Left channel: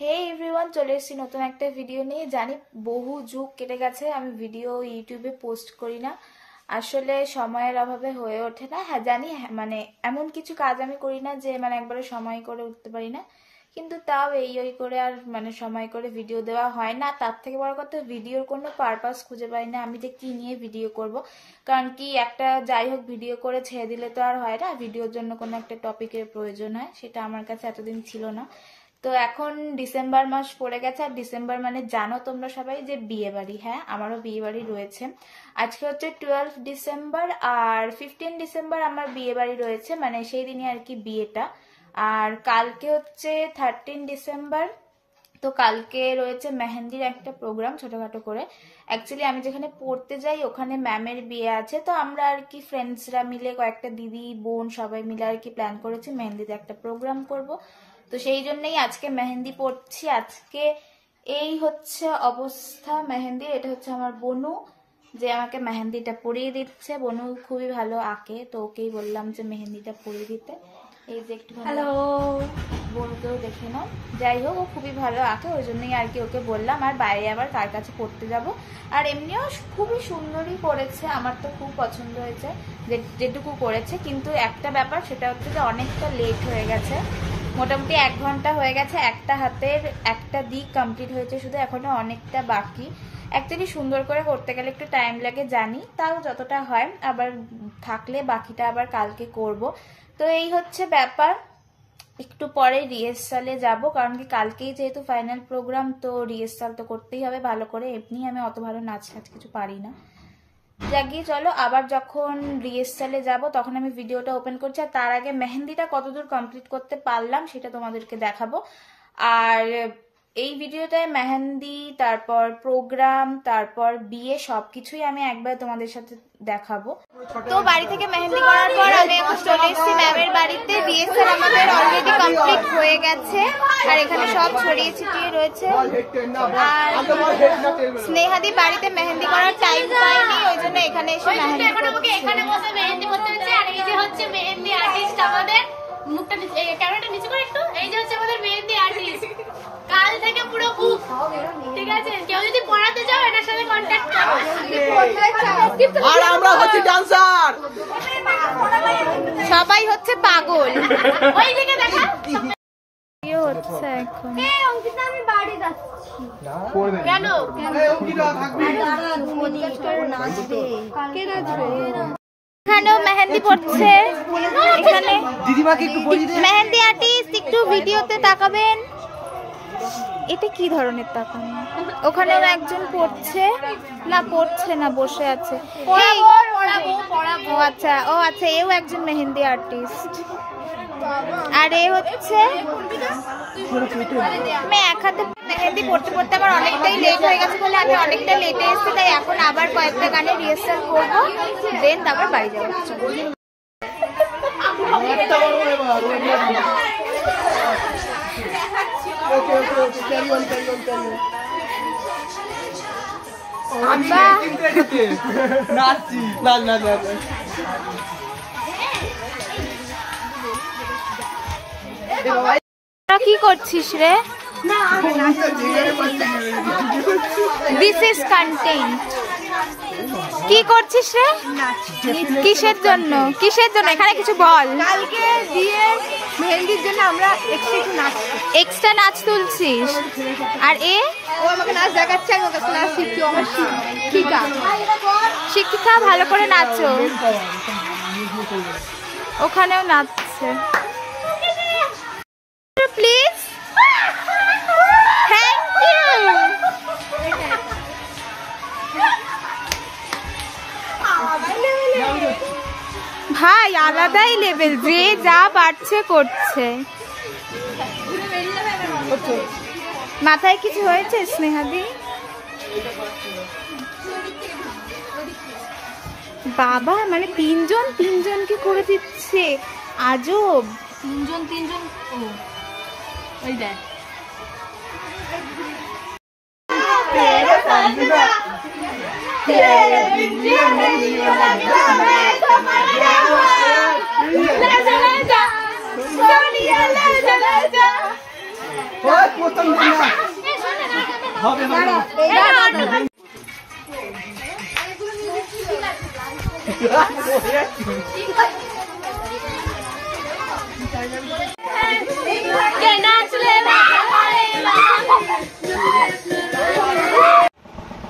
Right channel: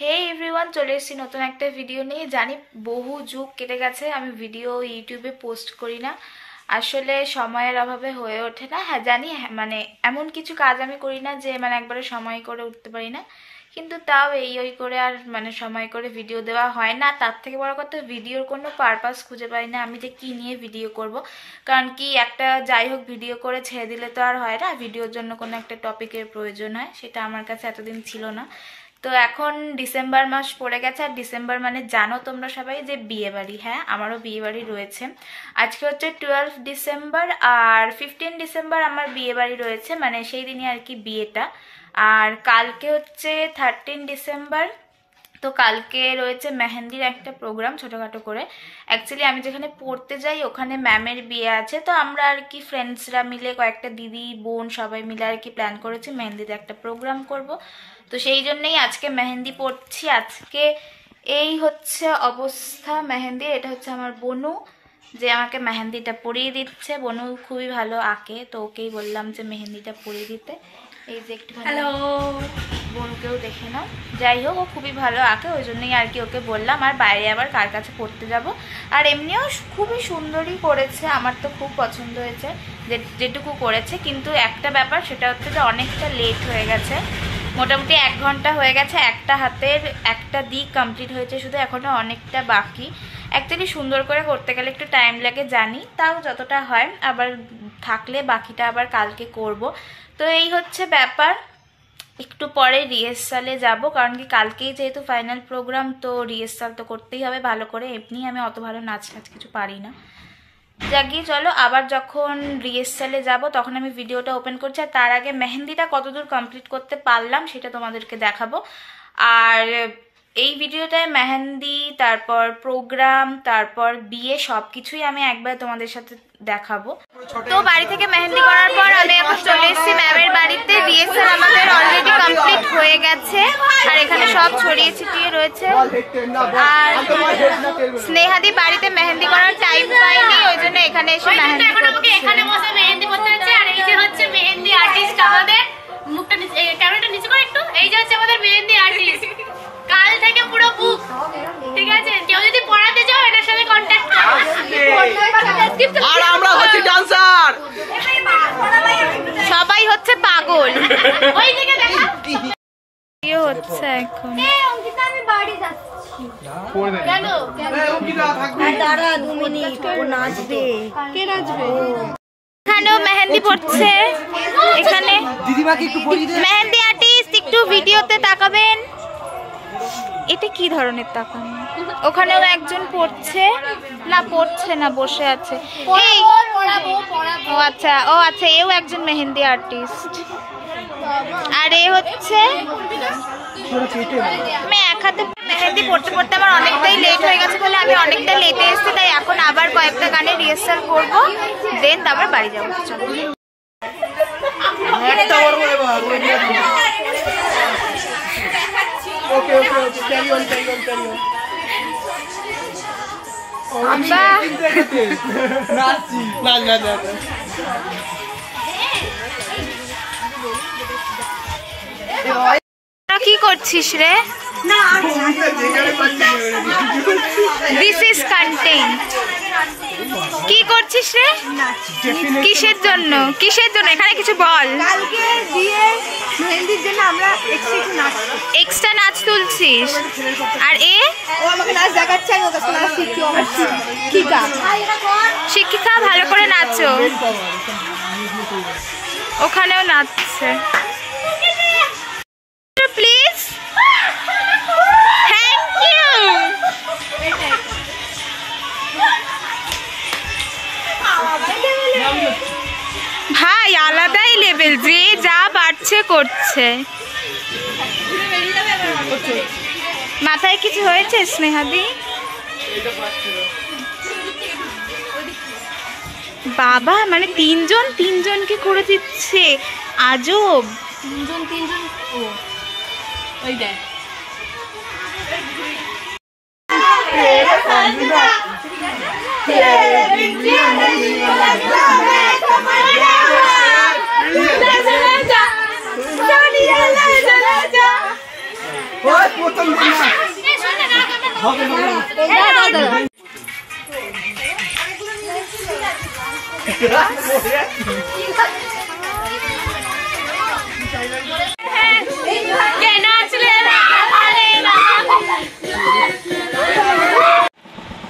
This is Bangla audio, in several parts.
হে এভরিওয়ান, চলে এসেছি নতুন একটা ভিডিও নিয়ে। জানি বহু যুগ কেটে গেছে আমি ভিডিও ইউটিউবে পোস্ট করি না, আসলে সময়ের অভাবে হয়ে ওঠে না। হ্যাঁ জানি, মানে এমন কিছু কাজ আমি করি না যে মানে একবারে সময় করে উঠতে পারি না, কিন্তু তাও এই করে আর মানে সময় করে ভিডিও দেওয়া হয় না। তার থেকে বড় কথা, ভিডিওর কোনো পারপাস খুঁজে পাই না আমি যে কি নিয়ে ভিডিও করব। কারণ কি একটা যাই হোক ভিডিও করে ছেড়ে দিলে তো আর হয় না, ভিডিওর জন্য কোনো একটা টপিকের প্রয়োজন হয়, সেটা আমার কাছে এতদিন ছিল না। তো এখন ডিসেম্বর মাস পড়ে গেছে, আর ডিসেম্বর মানে জানো তোমরা সবাই যে বিয়ে বাড়ি। হ্যাঁ, আমারও বিয়ে বাড়ি রয়েছে। আজকে হচ্ছে 12 ডিসেম্বর, আর 15 ডিসেম্বর আমার বিয়ে বাড়ি রয়েছে, মানে সেই দিনই আর কি বিয়েটা। আর কালকে হচ্ছে 13 ডিসেম্বর, তো কালকে রয়েছে মেহেন্দির একটা প্রোগ্রাম ছোটখাটো করে। অ্যাকচুয়ালি আমি যেখানে পড়তে যাই ওখানে ম্যামের বিয়ে আছে, তো আমরা আর কি ফ্রেন্ডসরা মিলে কয়েকটা দিদি বোন সবাই মিলে আর কি প্ল্যান করেছি মেহেন্দিতে একটা প্রোগ্রাম করব। তো সেই জন্যই আজকে মেহেন্দি পড়ছি। আজকে এই হচ্ছে অবস্থা মেহেন্দি। এটা হচ্ছে আমার বনু, যে আমাকে মেহেন্দিটা পরিয়ে দিচ্ছে। বনু খুবই ভালো আঁকে, তো ওকেই বললাম যে মেহেন্দিটা পরিয়ে দিতে। এই যে একটু হ্যালো বোনকেও দেখে নাও। যাই হোক, ও খুবই ভালো আঁকে, ওই জন্যই আর কি ওকে বললাম। আর বাইরে আবার কার কাছে পড়তে যাব। আর এমনিও খুবই সুন্দরই করেছে, আমার তো খুব পছন্দ হয়েছে যেটুকু করেছে। কিন্তু একটা ব্যাপার, সেটা হচ্ছে যে অনেকটা লেট হয়ে গেছে, মোটামুটি 1 ঘন্টা হয়ে গেছে। একটা হাতের একটা দিক কমপ্লিট হয়েছে, শুধু এখনো অনেকটা বাকি। অ্যাকচুয়ালি সুন্দর করে করতে গেলে একটু টাইম লাগে জানি, তাও যতটা হয়, আবার থাকলে বাকিটা আবার কালকে করব। তো এই হচ্ছে ব্যাপার। একটু পরে রিহার্সালে যাব, কারণ কি কালকেই যেহেতু ফাইনাল প্রোগ্রাম, তো রিহার্সাল তো করতেই হবে ভালো করে। এমনি আমি অত ভালো নাচ কিছু পারি না। যাগিয়ে চলো, আবার যখন রিহার্সালে যাব তখন আমি ভিডিওটা ওপেন করছি। আর তার আগে মেহেন্দিটা কতদূর কমপ্লিট করতে পারলাম সেটা তোমাদেরকে দেখাবো। আর এই ভিডিওটায় মেহেন্দি, তারপর প্রোগ্রাম, তারপর বিয়ে সবকিছুই আমি একবার তোমাদের সাথে দেখাবো। তো বাড়ি থেকে মেহেন্দি করার পর আমি এখন চলে এসেছি ম্যামের বাড়িতে। রিহার্সাল আমাদের অলরেডি কমপ্লিট হয়ে গেছে, আর এখানে সব ছড়িয়ে ছিটিয়ে রয়েছে। আর স্নেহাদি বাড়িতে মেহেন্দি করার টাইম পাইনি, ওই জন্য এখানে এসে মেহেন্দি করছে। এখানে বসে মেহেন্দি করতে হচ্ছে। আর এই যে হচ্ছে মেহেন্দি আর্টিস্ট আমাদের, মুখটা ক্যামেরাটা নিচে করে একটু। এই যে হচ্ছে আমাদের মেহেন্দি আর্টিস্ট, কাল থেকে পুরো বুক। ঠিক আছে, কেউ যদি পড়াতে চাও এটার সাথে কন্ট্যাক্ট করো। আর আমরা হচ্ছে ডান্সার, সবাই হচ্ছে পাগল। ওইদিকে দেখা কি হচ্ছে এখন? আমি বাড়ি যাচ্ছি। কেন? দাঁড়া 2 মিনিট, ও নাচবে। কে নাচবে? এখানেও মেহেন্দি পড়ছে। এখানে দিদিমাকে একটু বলি দে। মেহেন্দি আর্টিস্ট, একটু ভিডিওতে তাকাবেন। এটা কি ধরনের তাকানো? ওখানেও একজন পড়ছে, না পড়ছে না, বসে আছে। এই, ও আচ্ছা, ও আচ্ছা, এও একজন মেহেন্দি আর্টিস্ট। আর এ হচ্ছে, আমি এক হাতে মেহেন্দি পড়তে পড়তে আমার অনেকটাই লেট হয়ে গেছে বলে আমি অনেকটা লেটে এসেছি, তাই এখন আবার কয়েকটা গানে রিহার্সাল করবো, দেন তারপর বাড়ি যাবো। চলো। Okay okay okay, carry on carry on carry on. নাচি না না না। কি করছিস রে? This is content. কি করছিস রে? কিসের জন্য? কিসের জন্য? এখানে কিছু বল। কালকে দিয়ে মেহেন্দির জন্য আমরা এক্সট্রা নাচ তুলছিস। আর এ ও আমাকে নাচ দেখাচ্ছে, আমি ওকে নাচ শিখছি। শিক্ষিকা, শিক্ষিকা, ভালো করে নাচো। ওখানেও নাচছে। Please, thank you. ভাই আলাদাই লেভেল, যে যা পারছে করছে। মাথায় কিছু হয়েছে স্নেহাদি? বাবা, মানে তিনজনকে করে দিচ্ছে, আজব। তিনজন ওই দেখ। ওই প্রথম দিন না হবে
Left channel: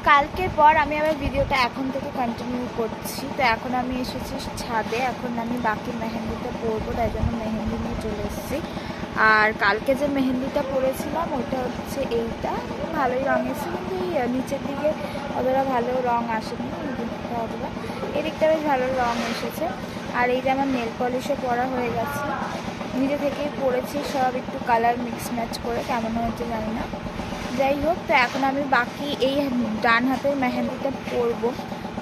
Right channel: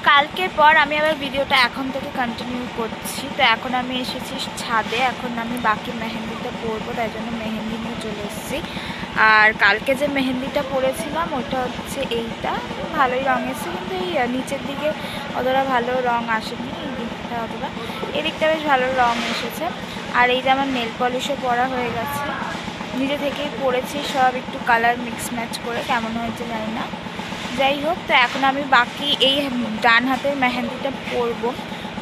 কালকের পর আমি আবার ভিডিওটা এখন থেকে কন্টিনিউ করছি। তো এখন আমি এসেছি ছাদে, এখন আমি বাকি মেহেন্দিটা পরবো, তাই জন্য মেহেন্দি নিয়ে চলে এসেছি। আর কালকে যে মেহেন্দিটা পরেছিলাম ওইটা হচ্ছে এইটা, ভালোই রঙ এসেছে, কিন্তু এই নিচের দিকে অতটা ভালো রঙ আসেনি, এই দিকটা অতটা, এদিকটা বেশ ভালো রঙ এসেছে। আর এই যে আমার নেল পলিশও পরা হয়ে গেছে, নিজে থেকেই পরেছি সব, একটু কালার মিক্স ম্যাচ করে, কেমন হয়েছে জানি না। যাই হোক, তো এখন আমি বাকি এই ডান হাতের মেহেন্দিটা পরবো,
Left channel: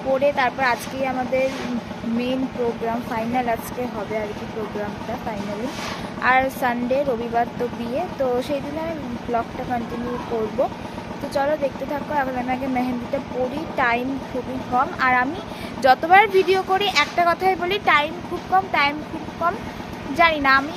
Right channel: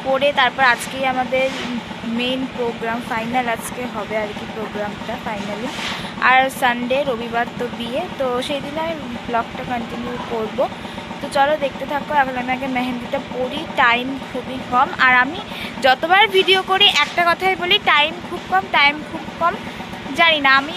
পরে তারপর আজকেই আমাদের মেন প্রোগ্রাম ফাইনাল আজকে হবে আর কি, প্রোগ্রামটা ফাইনালি। আর সানডে রবিবার তো বিয়ে, তো সেই দিনে আমি ব্লগটা কন্টিনিউ করব। তো চলো দেখতে থাকো। এখন আমি আগে মেহেন্দিটা পরি, টাইম খুবই কম, আর আমি যতবার ভিডিও করি একটা কথাই বলি, টাইম খুব কম, টাইম খুব কম। জানি না, আমি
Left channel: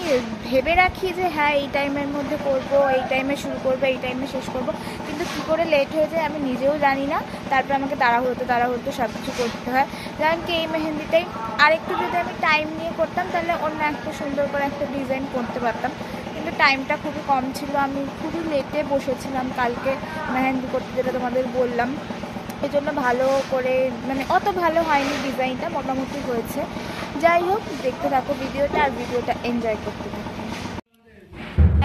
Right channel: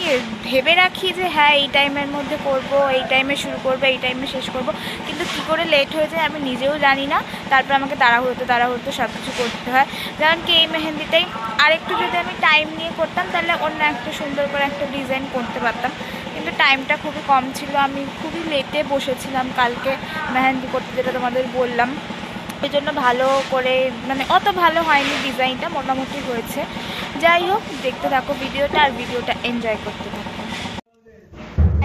ভেবে রাখি যে হ্যাঁ এই টাইমের মধ্যে করব, এই টাইমে শুরু করব, এই টাইমে শেষ করব, কিন্তু কি করে লেট হয়ে যায় আমি নিজেও জানি না। তারপর আমাকে তাড়াহুড়োতে সব কিছু করতে হয়। যেমন কি এই মেহেন্দিটাই আরেকটু যদি আমি টাইম নিয়ে করতাম তাহলে অন্য একটা সুন্দর করে একটা ডিজাইন করতে পারতাম, কিন্তু টাইমটা খুবই কম ছিল। আমি খুবই লেটে বসেছিলাম কালকে মেহেন্দি করতে, যেটা তোমাদের বললাম, এই জন্য ভালো করে মানে অত ভালো হয়নি, ডিজাইনটা মোটামুটি হয়েছে। যাই হোক, দেখতে থাকো ভিডিওটা, আর ভিডিওটা এনজয় করতে থাকো।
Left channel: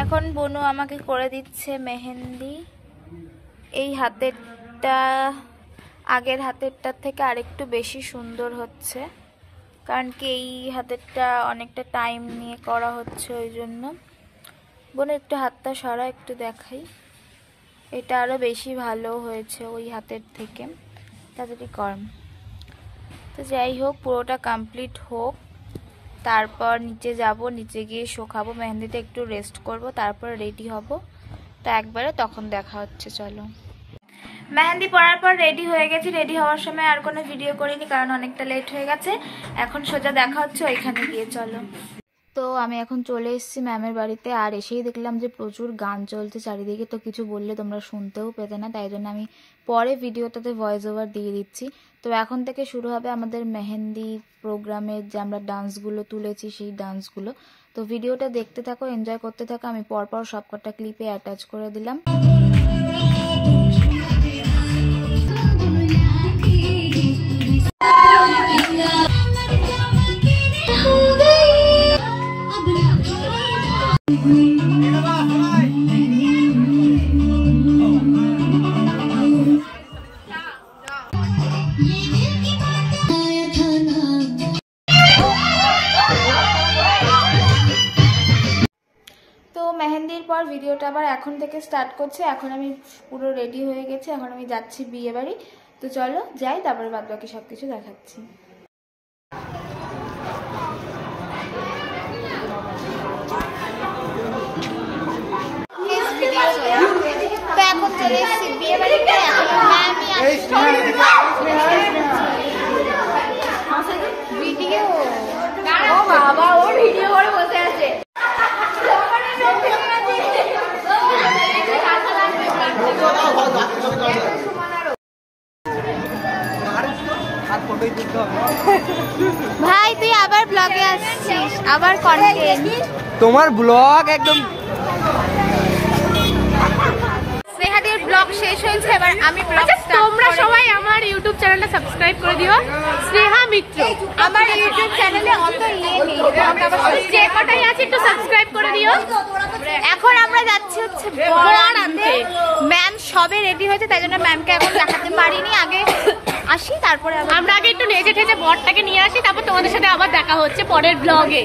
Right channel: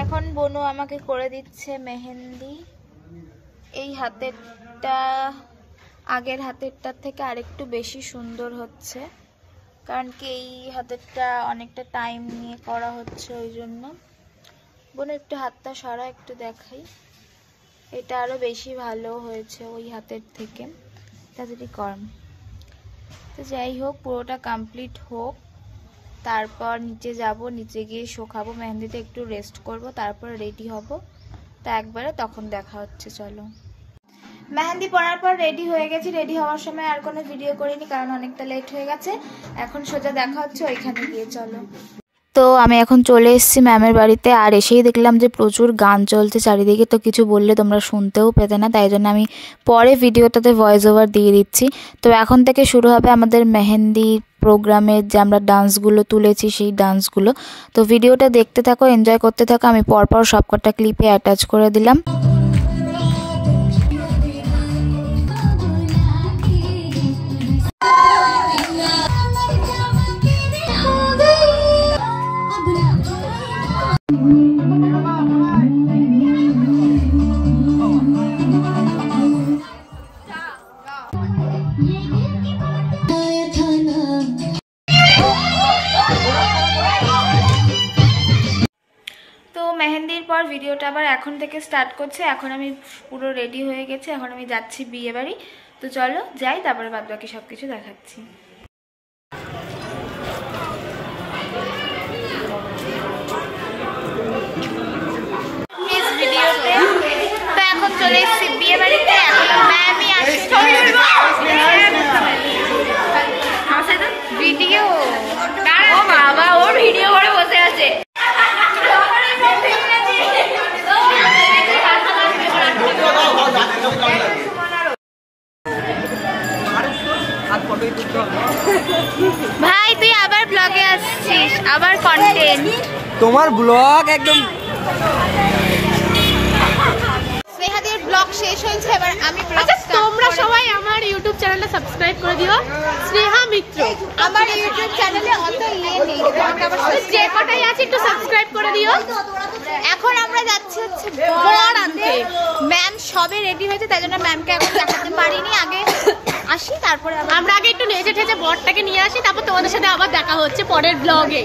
এখন বনু আমাকে করে দিচ্ছে মেহেন্দি। এই হাতেরটা আগের হাতেরটার থেকে আরেকটু বেশি সুন্দর হচ্ছে, কারণ কি এই হাতেরটা অনেকটা টাইম নিয়ে করা হচ্ছে, ওই জন্য। বোন একটু হাতটা সরা, একটু দেখাই, এটা আরও বেশি ভালো হয়েছে ওই হাতের থেকে, তাড়াতাড়ি কর। তো যাই হোক, পুরোটা কমপ্লিট হোক, তারপর নিচে যাব, নিচে গিয়ে শোকাবো, মেহেন্দিতে একটু রেস্ট করব, তারপর রেডি হব। তো একবারে তখন দেখা হচ্ছে। চলো, মেহেন্দি পরার পর রেডি হয়ে গেছি। রেডি হওয়ার সময় আর কোনো ভিডিও করিনি, কারণ অনেকটা লেট হয়ে গেছে। এখন সোজা দেখা হচ্ছে ওইখানে গিয়ে। চলো, তো আমি এখন চলে এসেছি ম্যামের বাড়িতে, আর এসেই দেখলাম যে প্রচুর গান চলছে চারিদিকে, তো কিছু বললে তোমরা শুনতেও পেতে না, তাই জন্য আমি পরে ভিডিওটাতে ভয়েস ওভার দিয়ে দিচ্ছি। তো এখন থেকে শুরু হবে আমাদের মেহেন্দি প্রোগ্রামের যে আমরা ডান্সগুলো তুলেছি সেই ডান্সগুলো। তো ভিডিওটা দেখতে থাকো, এনজয় করতে থাকো। আমি পরপর সবকটা ক্লিপে অ্যাটাচ করে দিলাম। মেহেন্দির পর ভিডিওটা আবার এখন থেকে স্টার্ট করছে। এখন আমি পুরো রেডি হয়ে গেছি, এখন আমি যাচ্ছি বিয়ে বাড়ি। তো চলো যাই, তারপরে বাদ বাকি সবকিছু দেখাচ্ছি। ভিডিওতে তো এখন চলে এসেছি বিয়ে বাড়িতে। এখন ভিডিও, ও বাবা, ওর ভিডিও করে বসে আছে। ভাই তুই আবার ব্লগে আসছিস, আবার কন্টেন্ট, তোমার ব্লগ একদম। স্নেহাদের ব্লগ শেষ হয়েছে, এবার আমি ব্লগ। তোমরা সবাই আমার ইউটিউব চ্যানেলটা সাবস্ক্রাইব করে দিও, স্নেহা মিত্র। আমার ইউটিউব চ্যানেলে অত ইয়ে নেই, তোমাকে আবার যে কটাই আছে একটু সাবস্ক্রাইব করে দিও। এখন আমরা যাচ্ছি হচ্ছে বরাতে। ম্যাম সবে রেডি হয়েছে, তাই জন্য ম্যামকে এখন দেখাতে পারিনি, আগে আসি তারপরে আমরা আগে একটু নেচে ঠেচে বরটাকে নিয়ে আসি, তারপর তোমাদের সাথে আবার দেখা হচ্ছে পরের ব্লগে।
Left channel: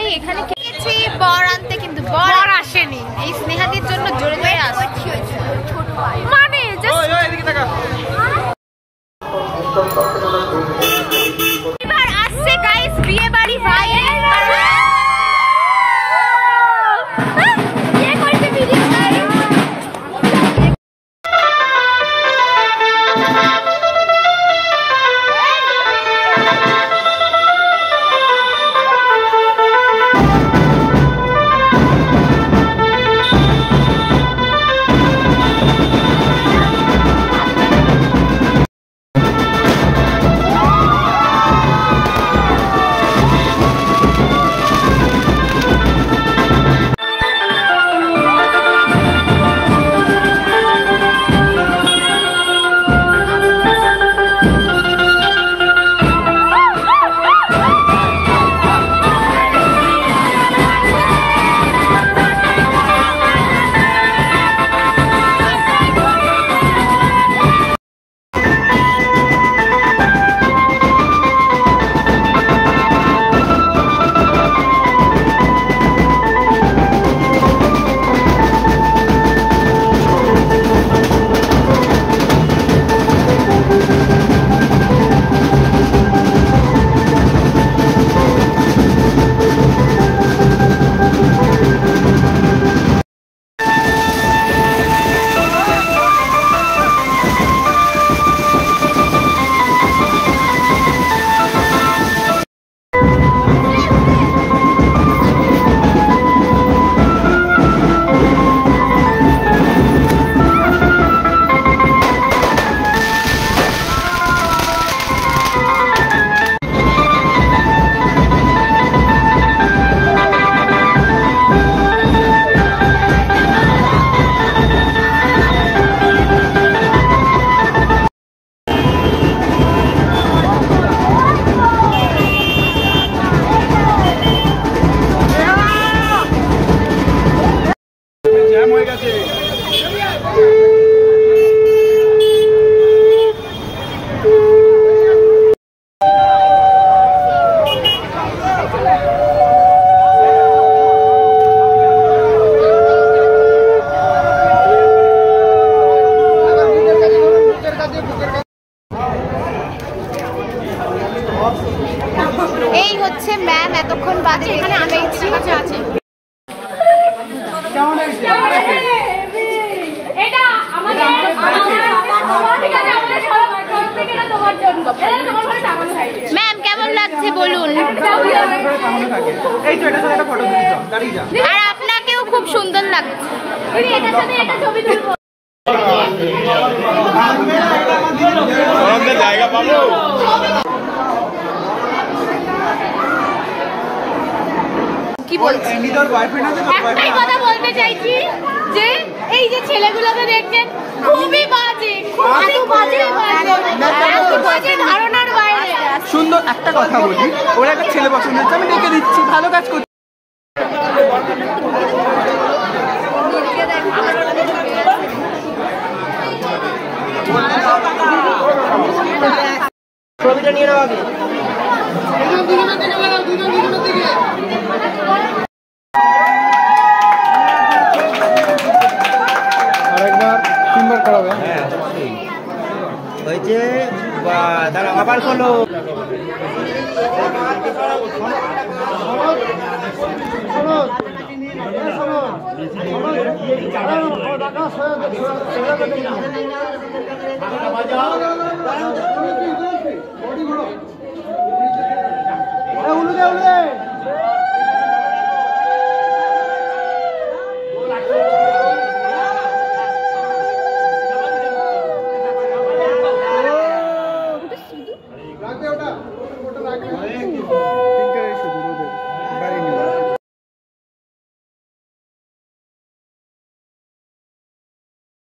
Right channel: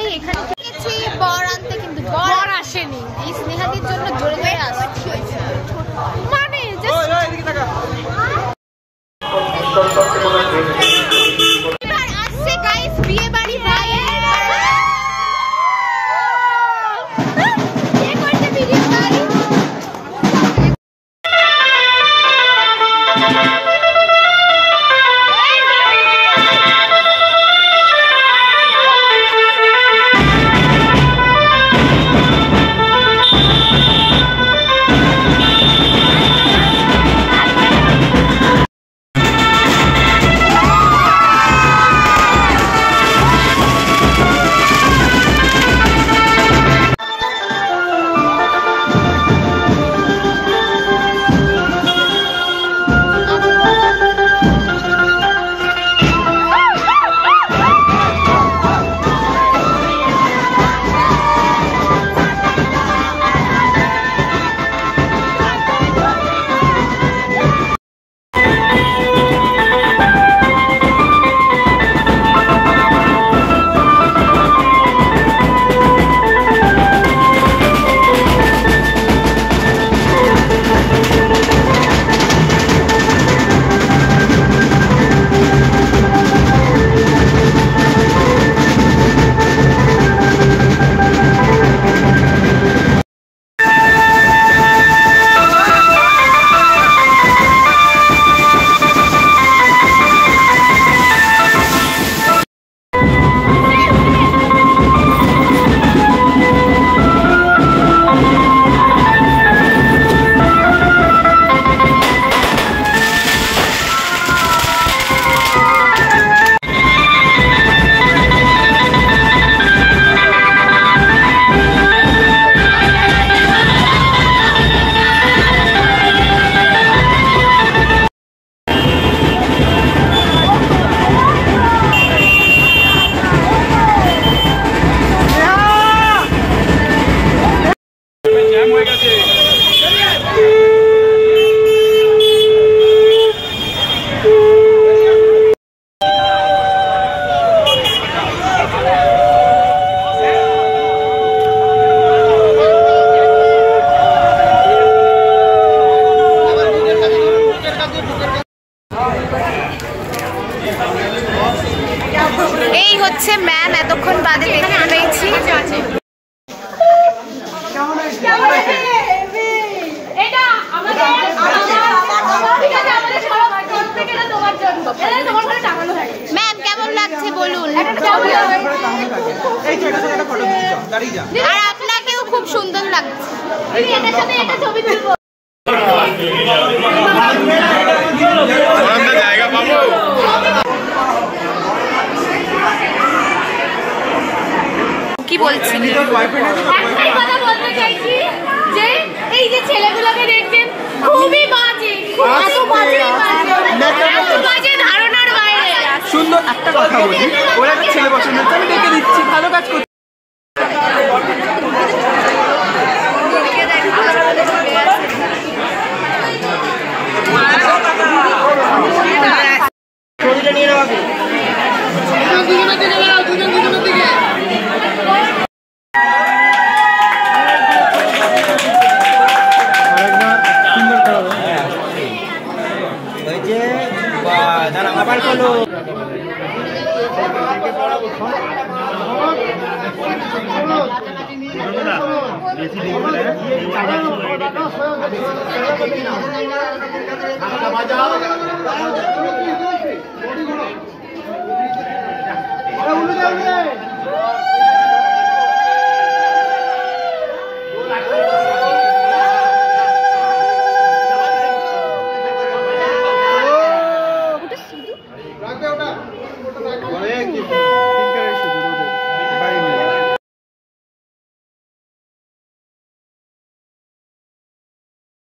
এই এখানে গেছি বর আনতে, কিন্তু বর আসেনি। এই স্নেহাদির জন্য জোরে জোরে আসছি, মানে এবার আসছে গাইস বিয়ে বাড়ি। ভাই কে করছে ভিডিও গাইস? আর আপনাকেও খুব সুন্দর লাগছে। এটার সাথে একটা ছবি তুলবো। জায়গা পাবো। কি বলছি? একটাই কথা বলতে চাইছি যে এই যে ছেলেগুলোকে দেখছেন খুবই বাজে, এত বাজে ধারণার বাইরে। সুন্দর একটা কথা বলি, ওরা একটা ছেলে পছন্দ হচ্ছে, আমি দেখে দিচ্ছি, ভালো কাজ করছি। সুন্দর করাবে ওই যে দাঁড়া আবার বলো বাজাও